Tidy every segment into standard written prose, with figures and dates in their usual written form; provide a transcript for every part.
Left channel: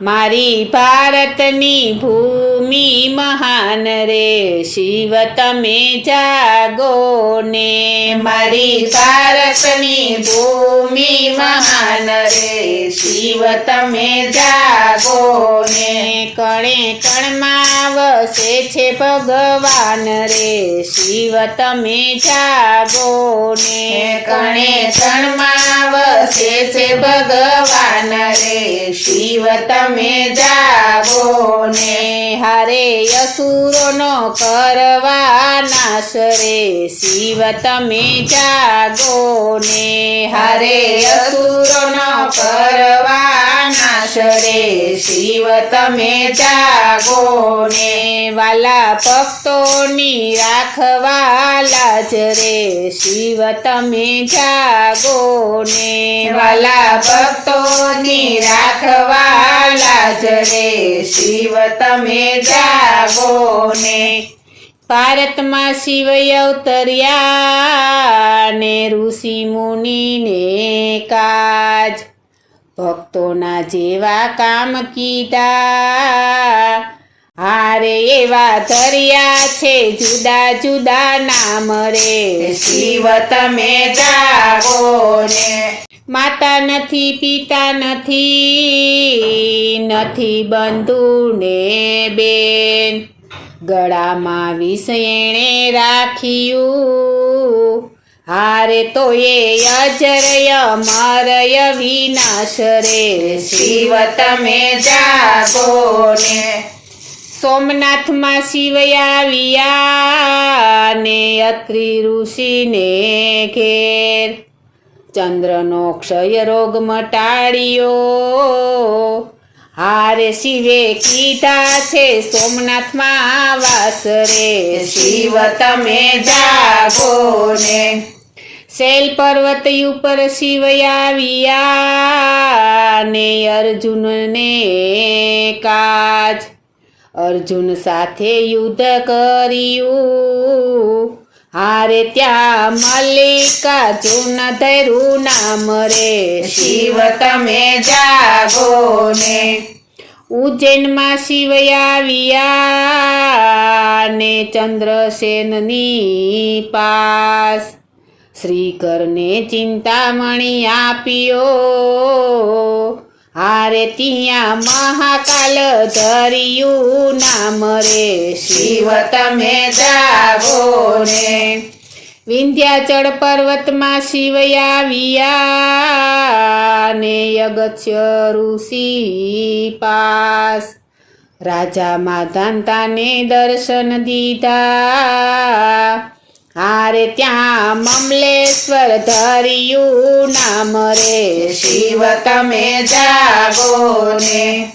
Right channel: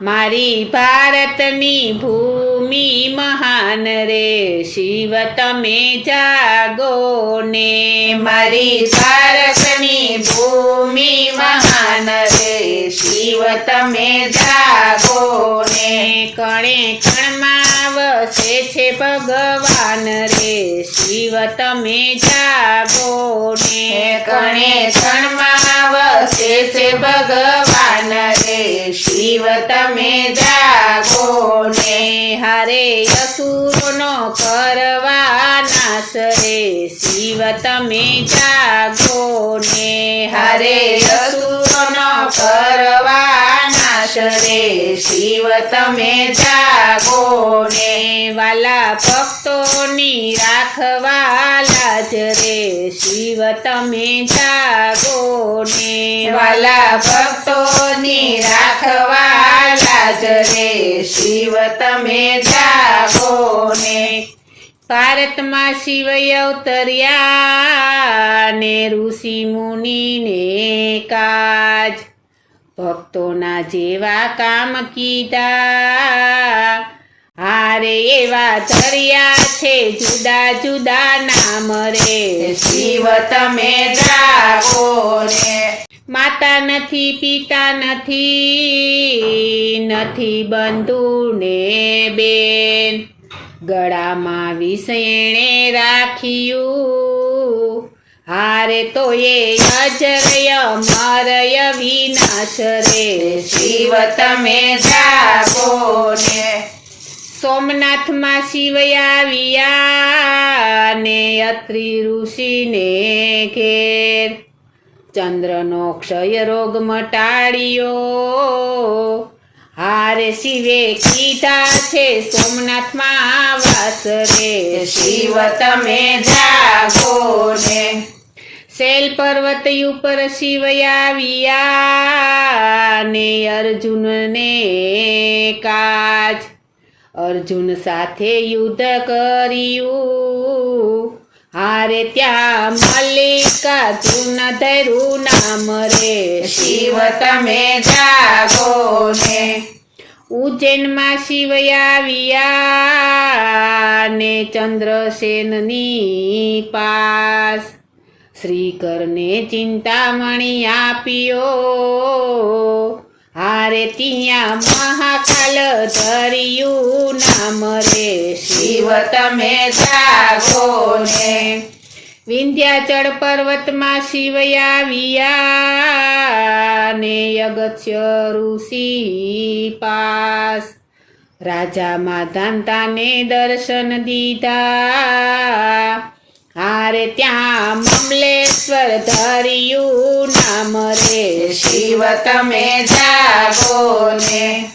મારી ભારતની ભૂમિ મહાન રે શિવ તમે જાગો ને મારી ભારતની ભૂમિ મહાન રે શિવ તમે જાગો ને કણે કણમાં વસે છે ભગવાન રે શિવ તમે જાગો ને કણે કણમાં વસે છે ભગવાન રે શિવ તમે જાગો ને હારે અસુરોનો કરવા નાશ રે શિવ તમે જાગો ને હરે અસુરોનો કરવા નાશ રે શિવ તમે જાગો ને વાલા ભક્તોની રાખવાલા જ રે શિવ તમે જાગો ને વાલા ભક્તોની રાખવાલા જ રે શિવ તમે જાગો ને ભારતમાં શિવ અવતર્યા ને ઋષિ મુનિને કાજ ભક્તોના જેવા કામ કીધા હારે એવા ધર્યા છે જુદા જુદા નામ રે શિવ તમે જાગો ને માતા નથી પિતા નથી બંધુ ને બેન ગળામાં વિષ એણે રાખ્યું હારે તો એ અજરય અમરય વિનાશ રે શિવ તમે જાગો ને સોમનાથમાં શિવ આવ્યા ને અત્રિ ઋષિને ઘેર ચંદ્રનો ક્ષય રોગ મટાડ્યો હારે શિવે કીધા છે સોમનાથમાં વાસ રે શિવ તમે જાગો ને શૈલ પર્વત ઉપર શિવ આવ્યા ને અર્જુનને કાજ અર્જુન સાથે યુદ્ધ કર્યું હારે ત્યાં મલ્લિકાર્જુન ધૈરું નામ રે શિવ તમે જાગો ને ઉજ્જૈનમાં શિવ આવ્યા ને ચંદ્રસેનની પાસ શ્રીકરને ચિંતામણી આપ્યો હારે ત્યાં મહાકાલ ધર્યું નામ રે શિવ તમે જાગો ને વિંધ્યાચળ પર્વતમાં શિવ આવ્યા ને અગત્ય ઋષિ પાસ રાજા માધાંતાને દર્શન દીધા હારે ત્યાં મમલેશ્વર ધર્યું નામ રે શિવ તમે જાગો ને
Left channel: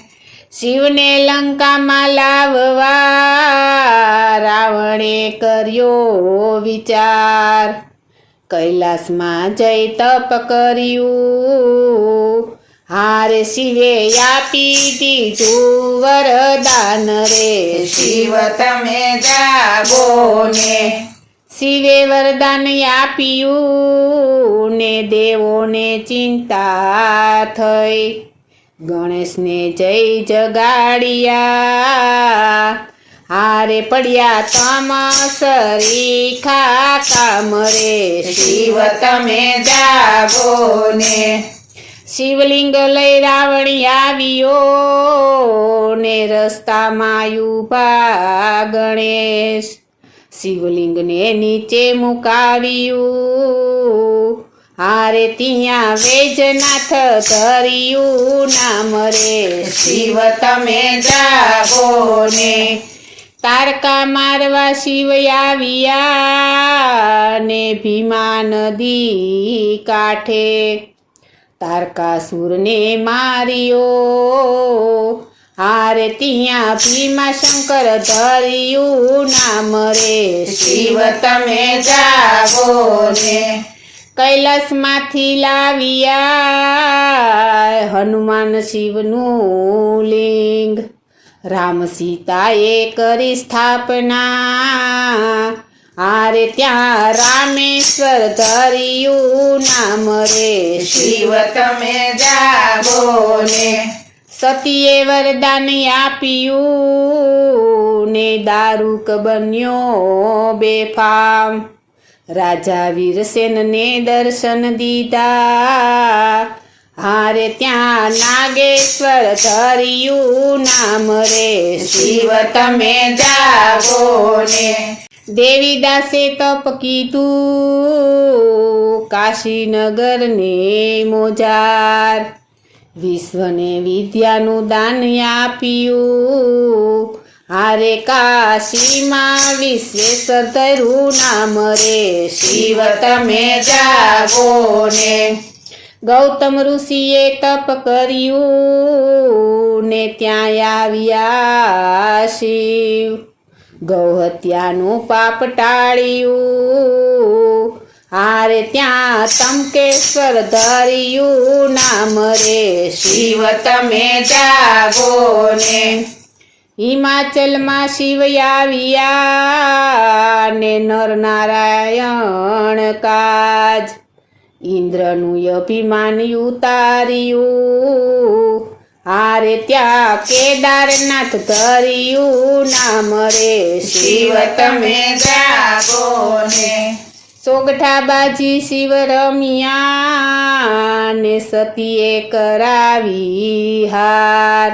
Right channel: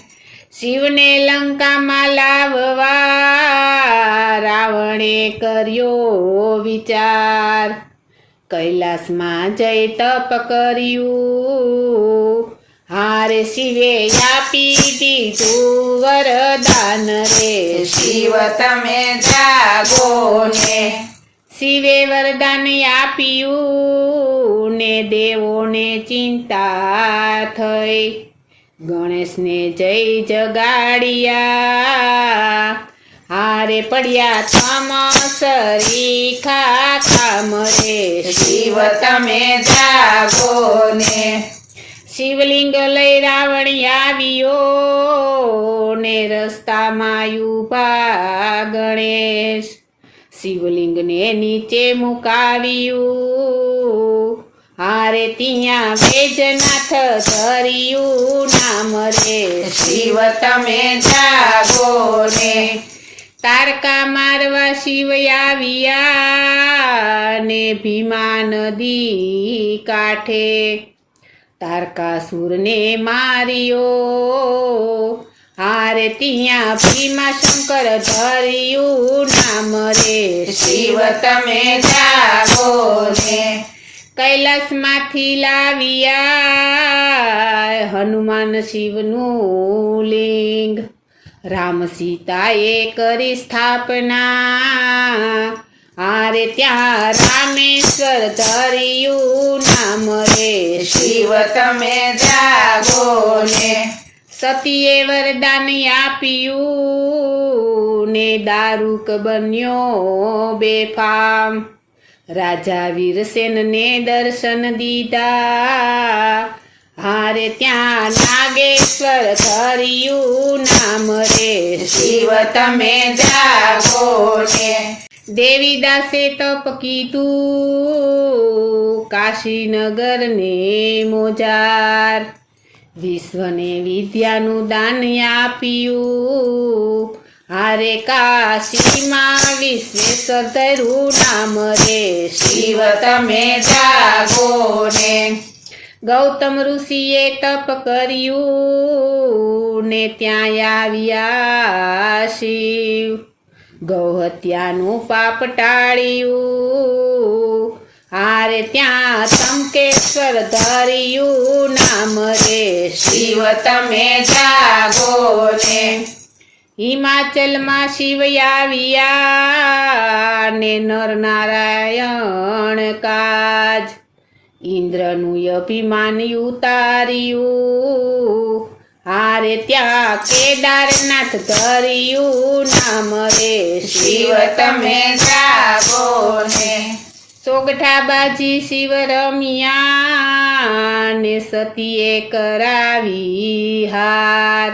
શિવને લંકામાં લાવવા રાવણે કર્યો વિચાર કૈલાસમાં જઈ તપ કર્યું હારે શિવે આપી દીધું વરદાન રે શિવ તમે જાગો ને શિવે વરદાન આપ્યું ને દેવોને ચિંતા થઈ ગણેશને જય જગાડ્યા હારે પડ્યા તમસરી ખામ રે શિવ તમે જાગો ને શિવલિંગ લઈ રાવણ આવ્યો ને રસ્તામાં ઊભા ગણેશ શિવલિંગને નીચે મુકાવ્યું હારે ત્યાં વૈજનાથ ધર્યું નામ રે શિવ તમે જાગો ને તારકા મારવા શિવ આવ્યા ને ભીમા નદી કાંઠે તારકાસુરને માર્યો હારે ત્યાં ભીમા શંકર ધર્યું નામ રે શિવ તમે જાગો ને કૈલાસમાંથી લાવ્યા હનુમાન શિવનું લિંગ રામ સીતાએ કરી સ્થાપના હારે ત્યાં રામેશ્વર ધર્યું નામ રે શિવ તમે જાગો ને સતીએ વરદાન આપ્યું ને દારૂક બન્યો બેફામ રાજા વીરસેનને દર્શન દીધા હારે ત્યાં નાગેશ્વર ધર્યું નામ રે શિવ તમે જાગો ને દેવીદાસે તપ કીધું કાશીનગરને મોજાર વિશ્વને વિદ્યાનું દાન આપ્યું હારે કાશીમાં વિશ્વેશ્વર ધર્યું નામ રે શિવ તમે જાગો ને ગૌતમ ઋષિએ તપ કર્યું ને ત્યાં આવ્યા શિવ ગૌહત્યાનું પાપ ટાળ્યું હારે ત્યાં તમકેશ્વર ધર્યું નામ રે શિવ તમે જાગો ને હિમાચલમાં શિવ આવ્યા ને નરનારાયણ કાજ ઇન્દ્રનું અભિમાન ઉતાર્યું હારે ત્યાં કેદારનાથ ધર્યું નામ રે શિવ તમે જાગો ને સોગઠાબાજી શિવ રમ્યા ને સતીએ કરાવી હાર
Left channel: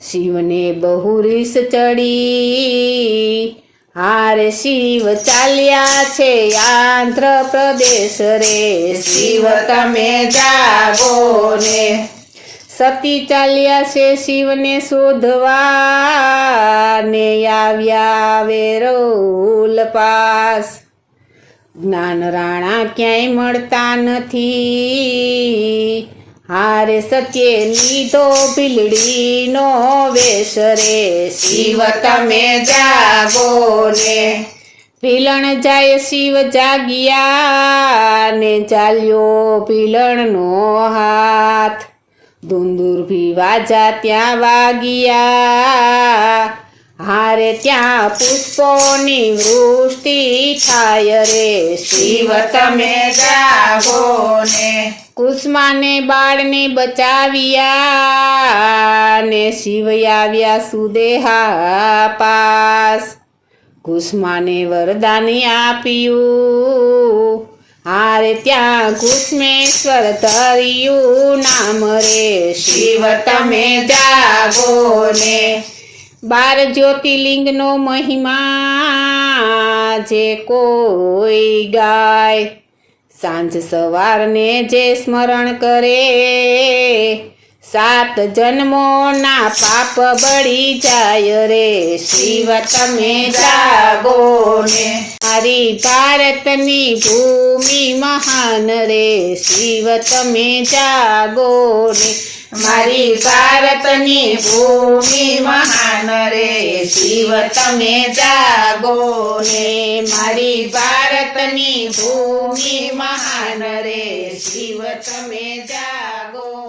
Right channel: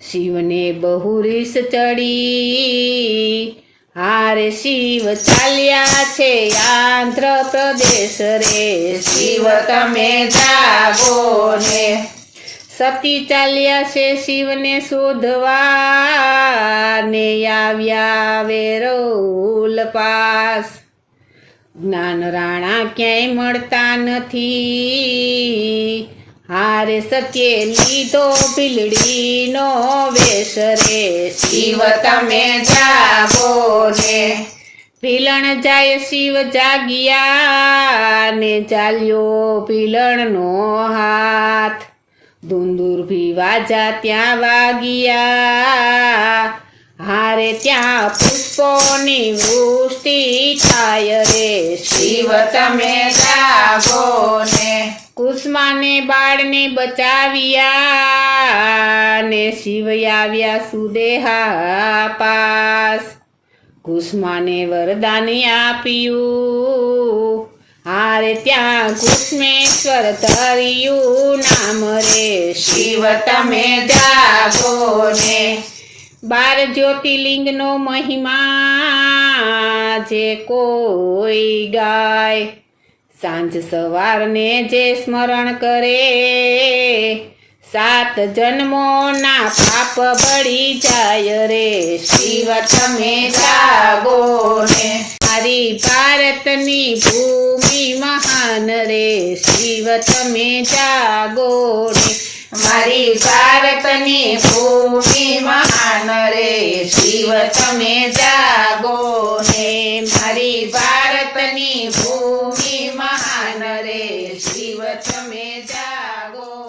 શિવને બહુ રીસ ચડી હારે શિવ ચાલ્યા છે આંધ્ર પ્રદેશ રે શિવ તમે જાગો ને સતી ચાલ્યા છે શિવને શોધવા ને આવ્યા વેરોલ પાસ જ્ઞાન રાણા ક્યાંય મળતા નથી હારે સત્યે લીધો ભીલડીનો વેશ રે શિવ તમે જાગો ને ભીલણ જાય શિવ જાગ્યા ને ચાલ્યો ભીલણનો હાથ દુંદુરભી વાજા ત્યાં વાગ્યા હારે ત્યાં પુષ્પોની વૃષ્ટિ થાય રે શિવ તમે જાગો ને કુસમાને બાળને બચાવ્યા ને શિવ આવ્યા સુદેહા પાસ કુસમાને વરદાન આપ્યું હારે ત્યાં કુસમેશ્વર ધર્યું નામ રે શિવ તમે જાગો ને 12 જ્યોતિર્લિંગનો મહિમા જે કોઈ ગાય સાંજ સવારને જે સ્મરણ કરે 7 જન્મોના પાપ બળી જાય રે શિવ તમે જાગો ને મારી ભારતની ભૂમિ મહાન રે શિવ તમે જાગો ને મારી ભારતની ભૂમિ મહાન રે શિવ તમે જાગો ને મારી ભારતની ભૂમિ મહાન રે શિવ તમે જાગો